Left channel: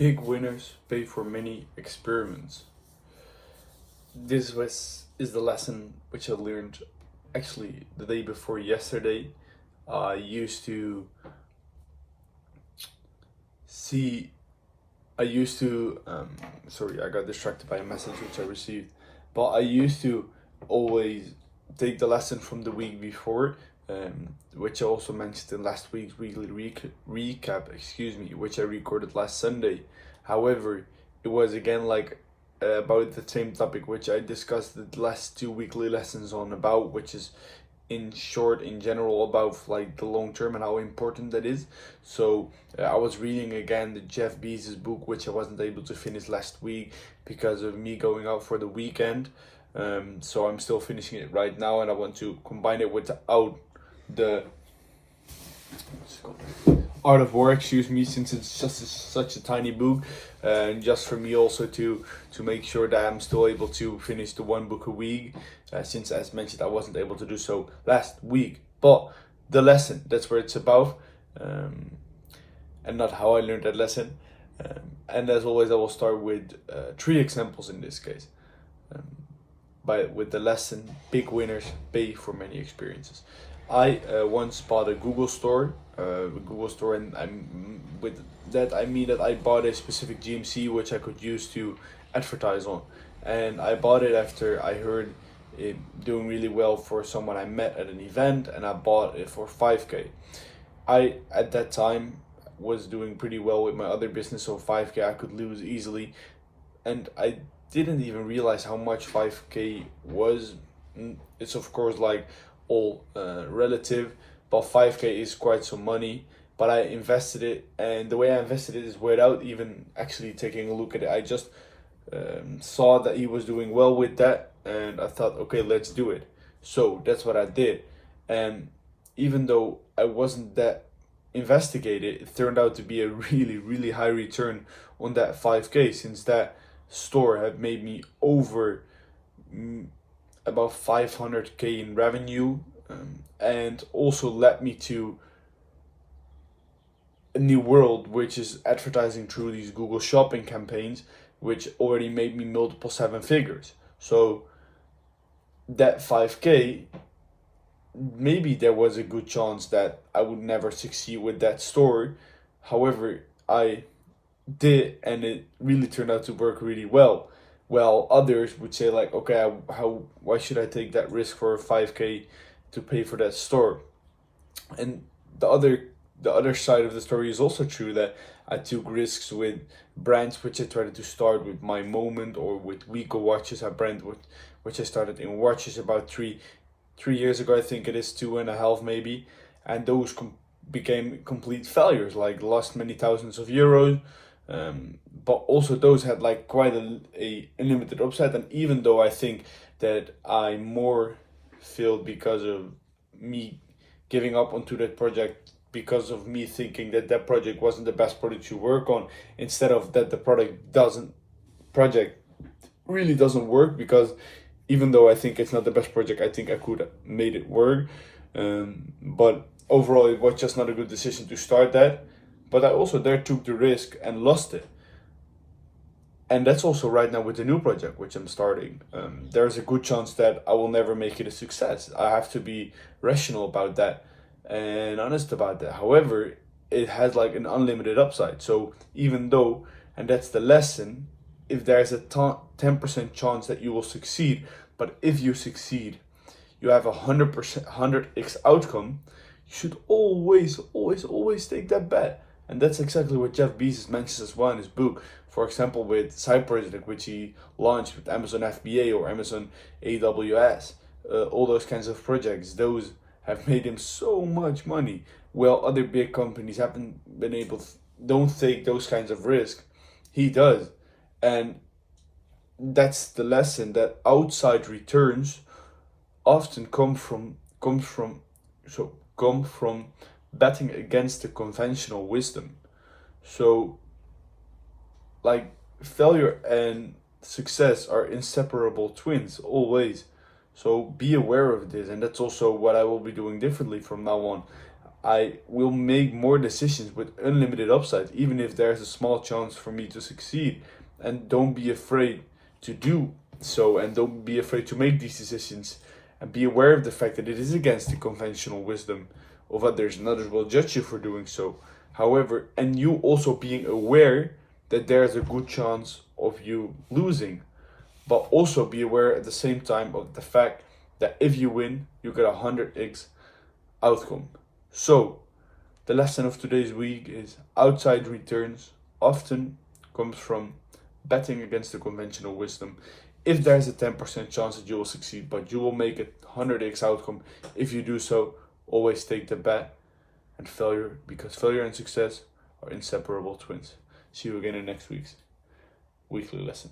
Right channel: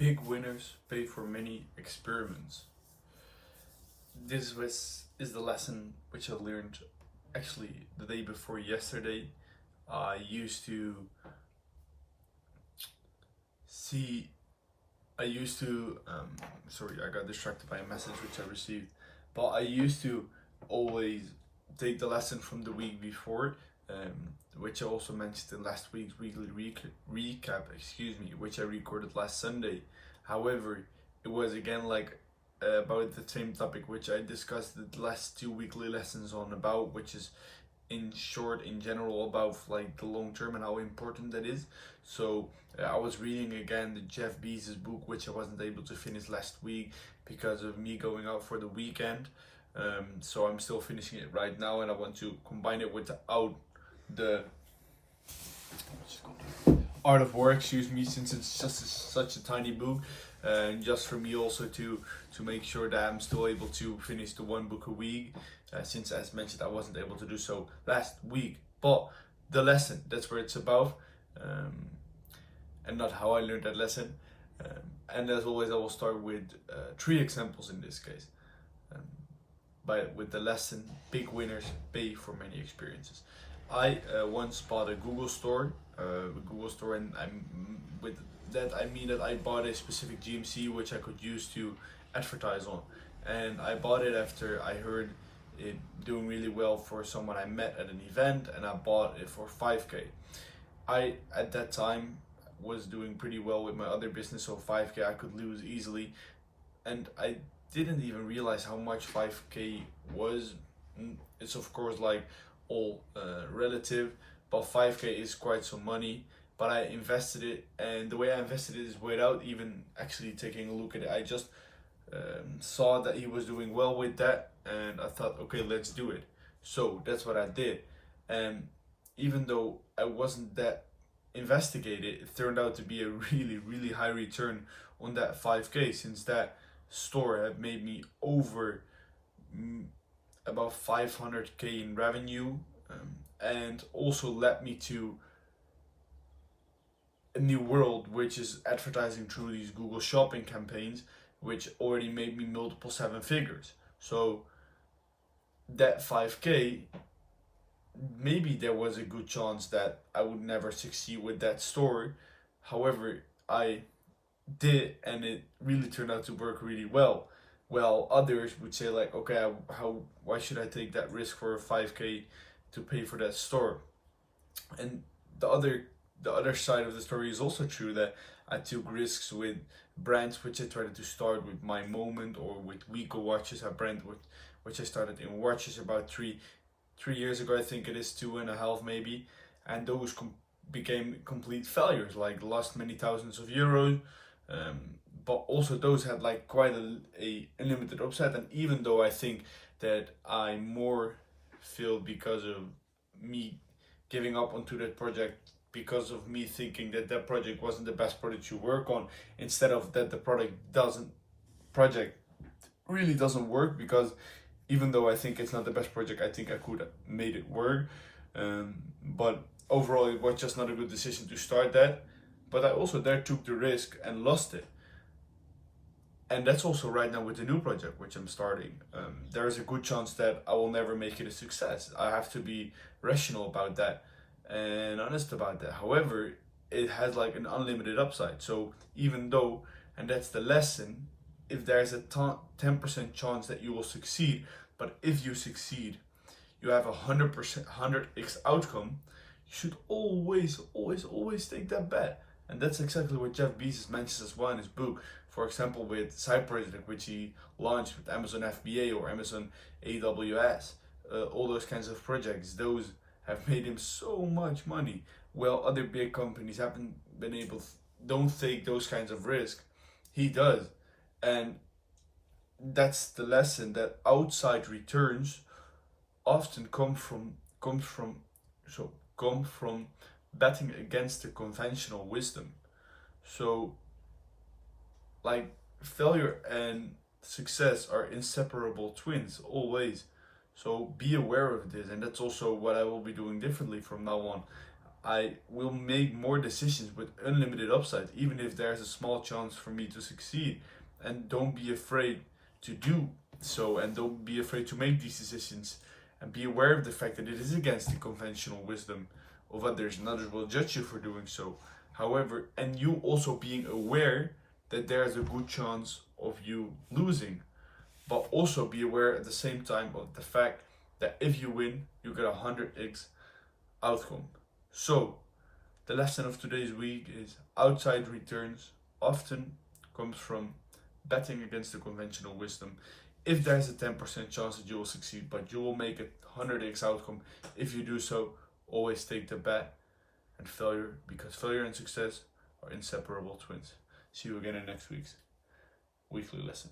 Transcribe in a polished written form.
Big winners pay for many experiments. This is the lesson which I learned actually the day before yesterday. I used to see. I used to. Sorry, I got distracted by a message which I received. But I used to always take the lesson from the week before, which I also mentioned in last week's weekly recap. Excuse me, which I recorded last Sunday. However, it was again like about the same topic which I discussed the last two weekly lessons on about, which is in short, in general, about like the long term and how important that is. So I was reading again the Jeff Bezos book, which I wasn't able to finish last week because of me going out for the weekend. So I'm still finishing it right now, and I want to combine it with the Art of War, excuse me, since it's just such a tiny book, and just for me also to make sure that I'm still able to finish the one book a week, since as mentioned I wasn't able to do so last week. But the lesson, that's where it's about, and not how I learned that lesson. And as always, I will start with three examples in this case. With the lesson, big winners pay for many experiences. I once bought a Google store, and with that I mean that I bought a specific GMC which I could use to advertise on, and I bought it after I heard it doing really well for someone I met at an event, and I bought it for 5K. I at that time was doing pretty well with my other business, so 5K I could lose easily, and I didn't even realize how much 5K was. It's of course like all relative, but 5K is quite some money. But I invested it, and the way I invested it is without even actually taking a look at it. I just saw that he was doing well with that, and I thought, okay, let's do it. So that's what I did. And even though I wasn't that investigated, it turned out to be a really, really high return on that 5K, since that store had made me over about 500K in revenue, and also led me to a new world, which is advertising through these Google Shopping campaigns, which already made me multiple seven figures. So that 5K, maybe there was a good chance that I would never succeed with that store. However, I did, and it really turned out to work really well. Well, others would say like, okay, why should I take that risk for 5K to pay for that store? And the other side of the story is also true, that I took risks with brands which I tried to start with My Moment or with Wiko Watches, a brand which I started in watches about three years ago, I think it is, 2.5 maybe, and those became complete failures, like lost many thousands of euros. But also those had like quite a limited upside, and even though I think that I more failed because of me giving up onto that project, because of me thinking that that project wasn't the best project to work on, instead of that the project really doesn't work, because even though I think it's not the best project, I think I could have made it work. But overall, it was just not a good decision to start that. But I also there took the risk and lost it. And that's also right now with the new project which I'm starting. There's a good chance that I will never make it a success. I have to be rational about that and honest about that. However, it has like an unlimited upside. So even though, and that's the lesson, if there's a 10% chance that you will succeed, but if you succeed, you have 100%, 100x outcome, you should always take that bet. And that's exactly what Jeff Bezos mentions as well in his book. For example, with side project which he launched with Amazon FBA or Amazon AWS, all those kinds of projects, those have made him so much money. Well, other big companies haven't been able, don't take those kinds of risks. He does. And that's the lesson, that outside returns often come from betting against the conventional wisdom. So like failure and success are inseparable twins always. So be aware of this, and that's also what I will be doing differently from now on. I will make more decisions with unlimited upside, even if there's a small chance for me to succeed. And don't be afraid to do so, and don't be afraid to make these decisions, and be aware of the fact that it is against the conventional wisdom of others, and others will judge you for doing so. However, and you also being aware that there's a good chance of you losing, but also be aware at the same time of the fact that if you win, you get 100x outcome. So, the lesson of today's week is outside returns often comes from betting against the conventional wisdom. If there's a 10% chance that you will succeed, but you will make a 100x outcome if you do so, always take the bet and failure, because failure and success are inseparable twins. See you again in next week's weekly lesson.